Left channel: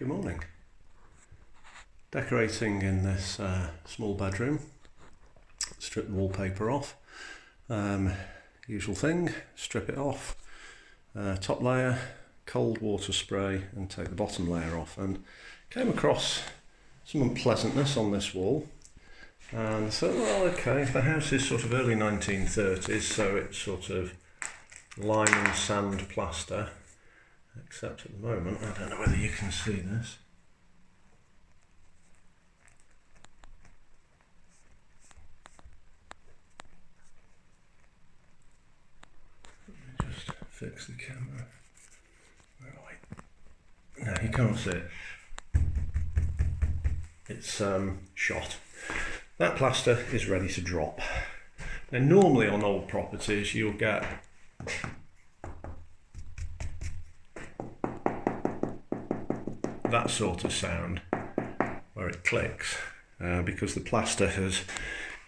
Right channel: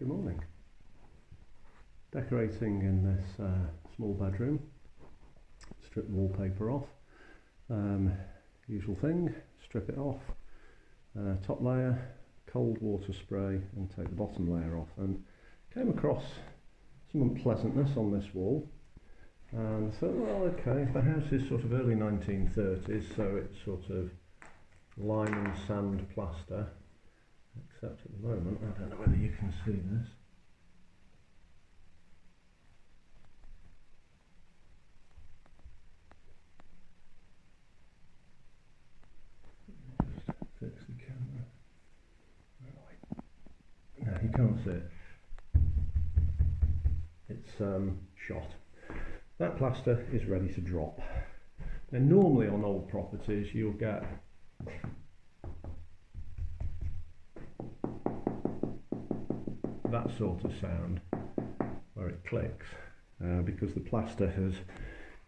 Good morning. Decorating in this small bedroom. Strip the wallpaper off. Usual thing, strip it off. Top layer, cold water spray, and take the bottom layer off. And came across some unpleasantness on this wall. And I thought, well, okay, the house is sort of early 1930s, so it's sort of lime and sand plaster. Except at the moment, I don't know whether you can see this. Let me just fix the camera. Where are we? No, you can't see it. It's shot. That plaster is ready to drop. Now, normally on old properties, you'll get that sort of sound where it clicks because the plaster has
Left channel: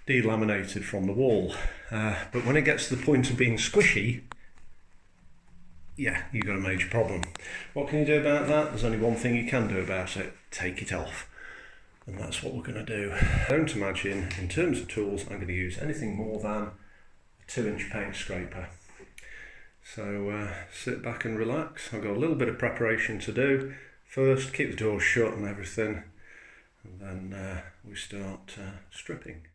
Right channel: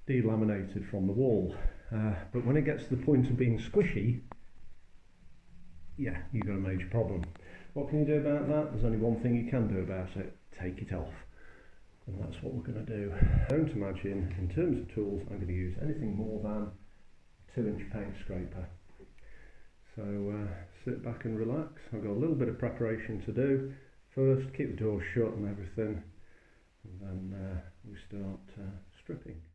delaminated from the wall. But when it gets to the point of being squishy, yeah, you've got a major problem. What can you do about that? There's only one thing you can do about it: take it off. And that's what we're going to do. Don't imagine, in terms of tools, I'm going to use anything more than a 2-inch paint scraper. So sit back and relax. I've got a little bit of preparation to do. First, keep the door shut and everything, and then we start stripping.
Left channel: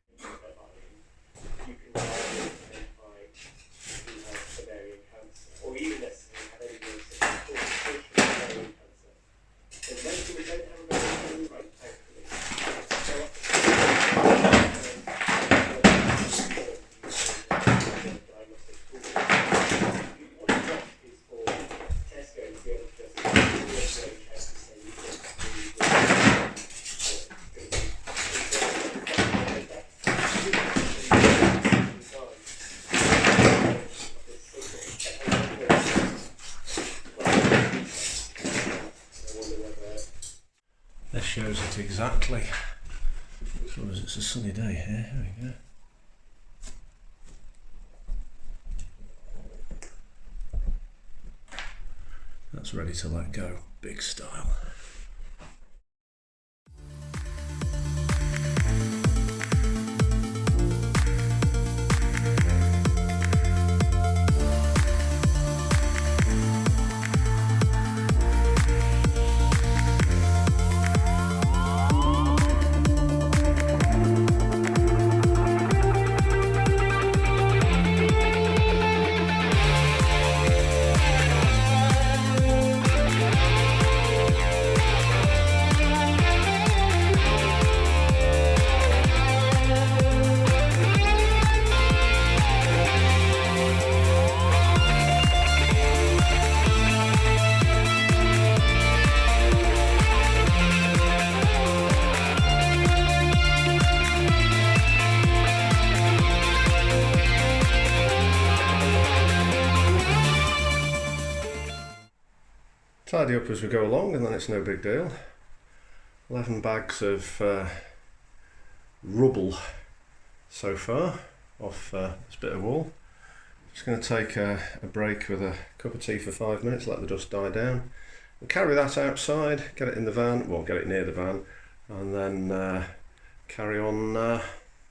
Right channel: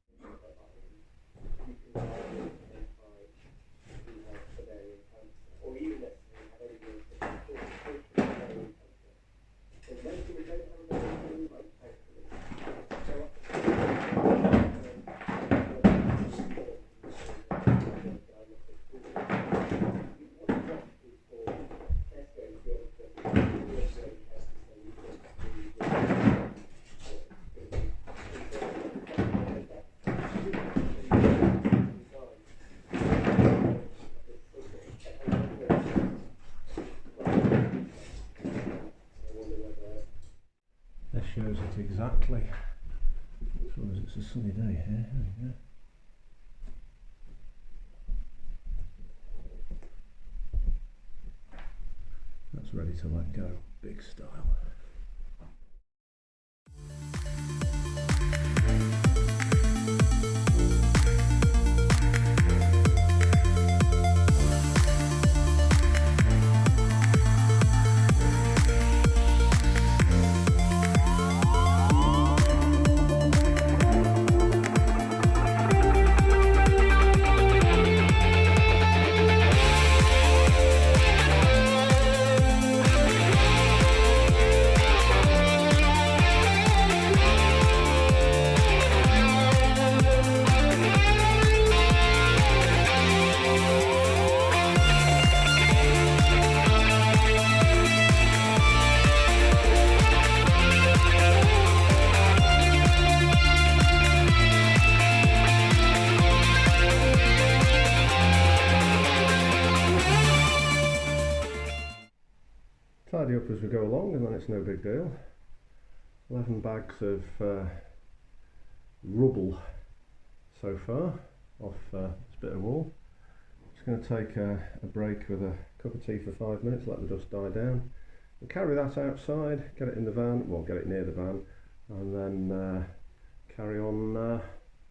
This shows it exactly. So as it's a sunny day here, here we go. That's ready to let go, big style. Tidy up as we go along, and then it's no big deal. 11 bags of rubble so far off this bit of wall. Just going to take a break with a cup of tea for 5 minutes, let the dust die down. We'll carry that outside, get it in the van, well, get it near the van, and then carry on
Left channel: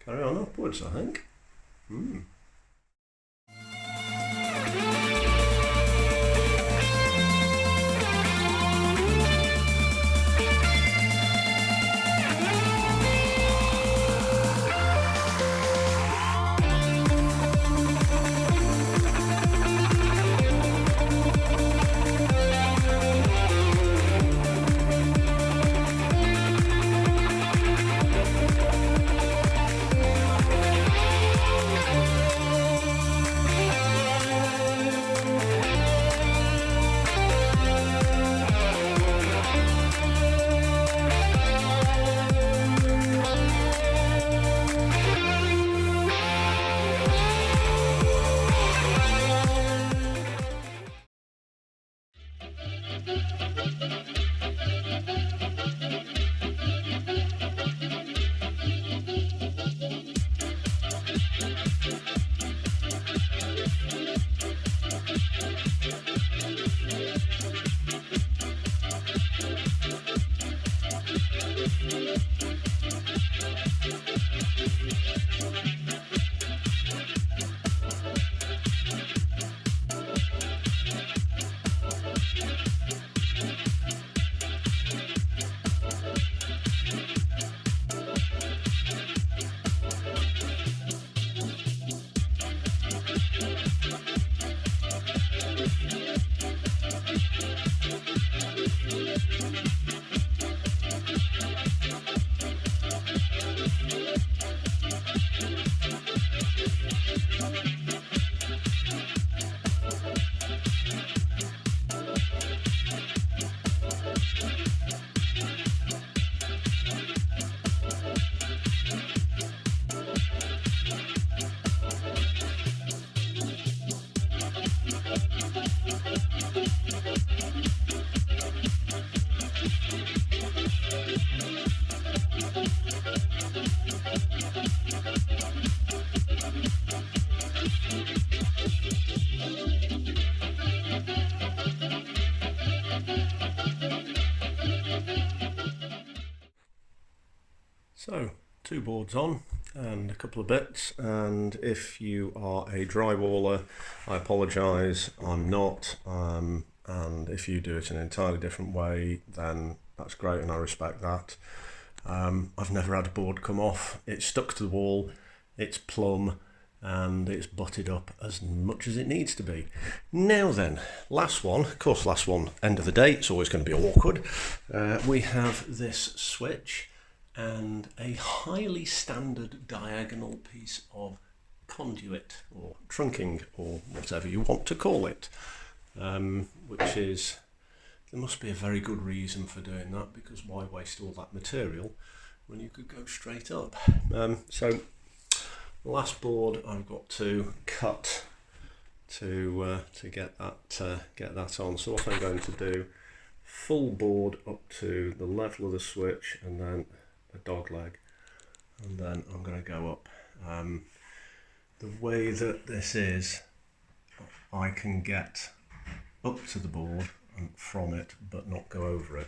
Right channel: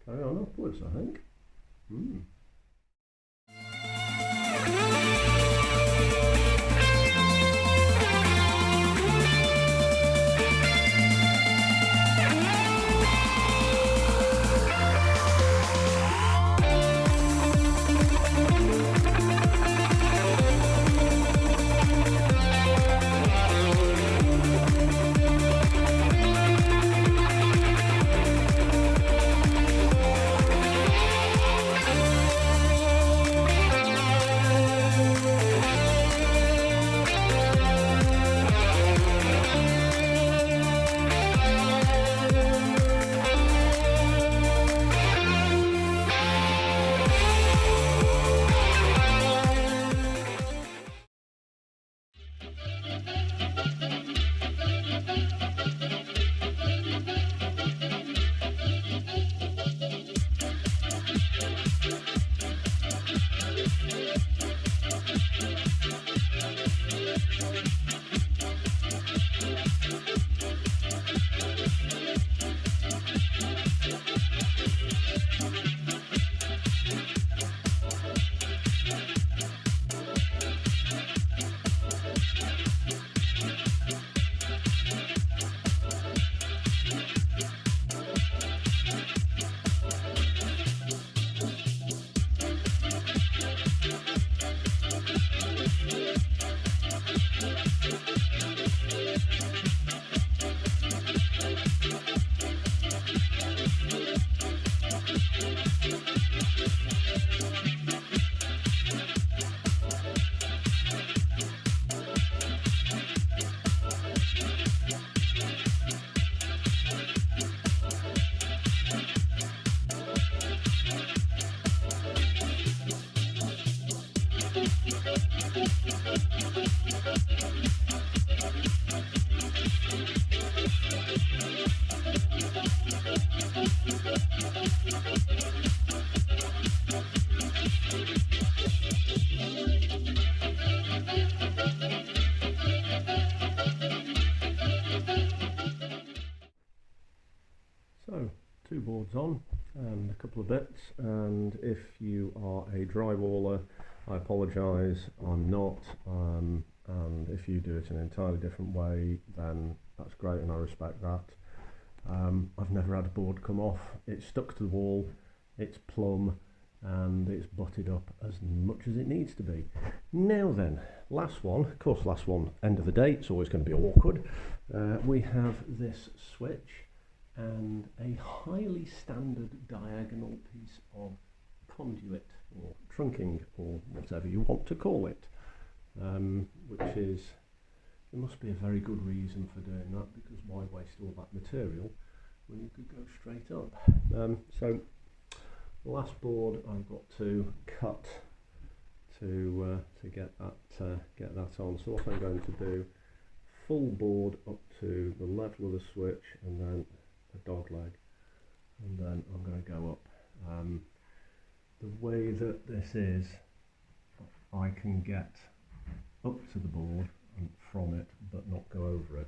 upwards, I think. So 2 boards on and a couple of bits, and if you are a drywaller, I apologise, I'm not, and if you do it in an entirely different way, then that's great and I respect that. I've never had a board come off. It's stuck to the wall, it's plumb, and it's butted up as much as it needs to be. Now then, last one, of course last one, end of the day, it's always going to be awkward. We have this switch and a highly standard diagonal piece of conduit or trunking or whatever you want to call it, which is, there must be a very good reason for doing that, because why waste all that material when you could go straight up. So last board I've got to cut to get that on. So what I'm going to do, full board up to the level of the switch and then a dog leg, and then I'm going to go up. The way that this is, I can get up to the board and from it but not go over it.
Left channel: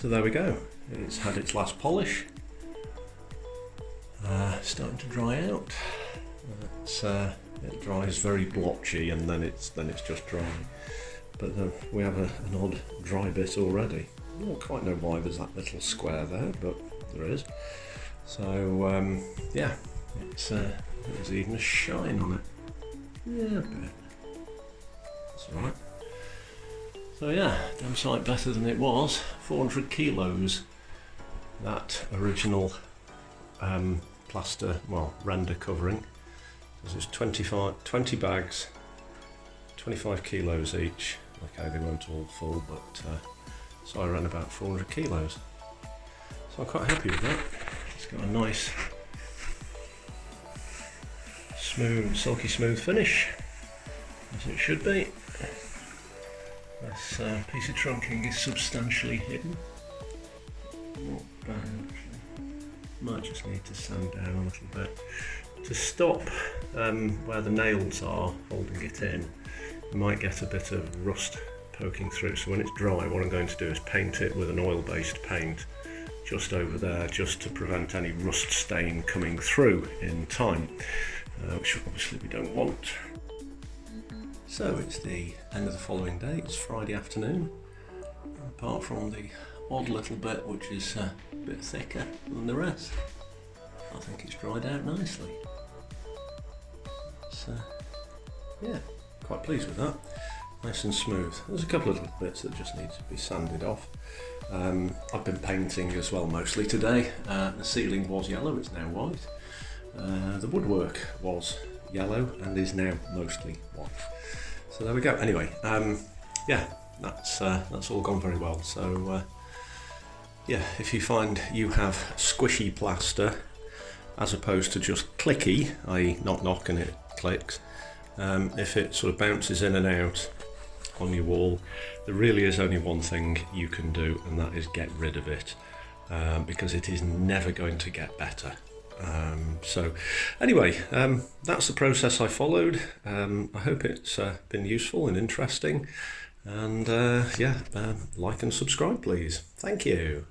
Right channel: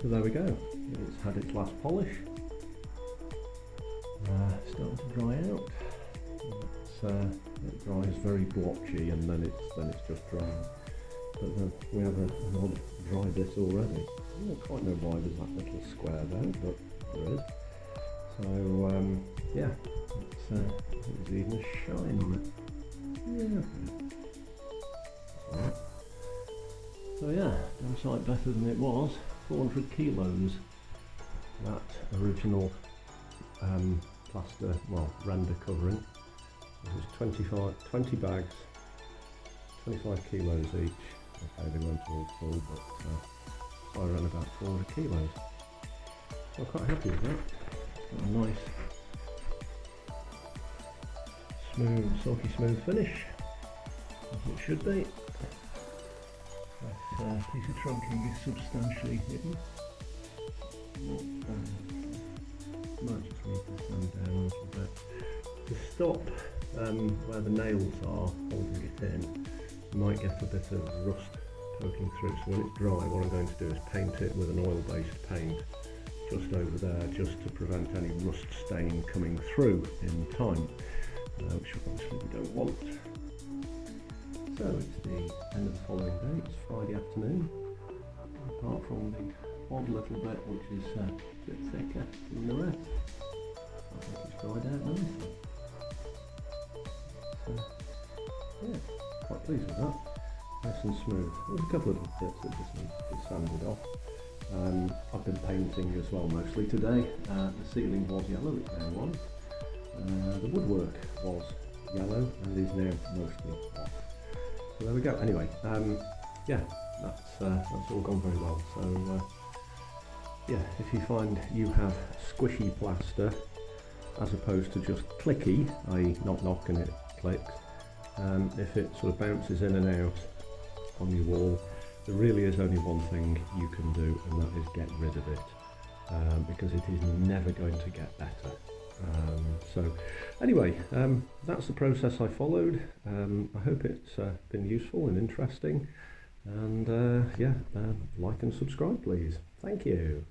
So there we go, it's had its last polish, starting to dry out. It dries very blotchy and then it's just dry, but we have an odd dry bit already. I don't quite know why there's that little square there, but there is. So yeah, there's even a shine on it. Yeah, a bit. That's alright. So yeah, damn sight better than it was. 400 kilos, that original plaster, well, render covering. This is 20 bags, 25 kilos each. Okay, they weren't all full, but so I ran about 400 kilos. So I'm quite happy with that. It's got a nice, smooth, silky smooth finish, as it should be. This piece of trunking is substantially hidden. Not bad. Might just need to sand down a little bit to stop where the nails are holding it in. You might get a bit of rust poking through, so when it's dry what I'm going to do is paint it with an oil-based paint just over there, just to prevent any rust stain coming through in time, which obviously we don't want. So it's the end of the following day, it's Friday afternoon, apart from the odd little bit which is a bit thicker than the rest. I think it's dried out nicely. yeah, quite pleased with that. Nice and smooth. There's a couple of little bits that just need to be sanded off. I've been painting as well mostly today. The ceiling was yellow, it's now white. The woodwork was yellow and is now mostly white. So there we go. Anyway, yeah, that's all gone very well. So yeah, if you find you have squishy plaster as opposed to just clicky, i.e. knock knock and it clicks, if it sort of bounces in and out on your wall, there really is only one thing you can do, and that is get rid of it, because it is never going to get better. So anyway, that's the process I followed. I hope it's been useful and interesting, and yeah, like and subscribe please. Thank you.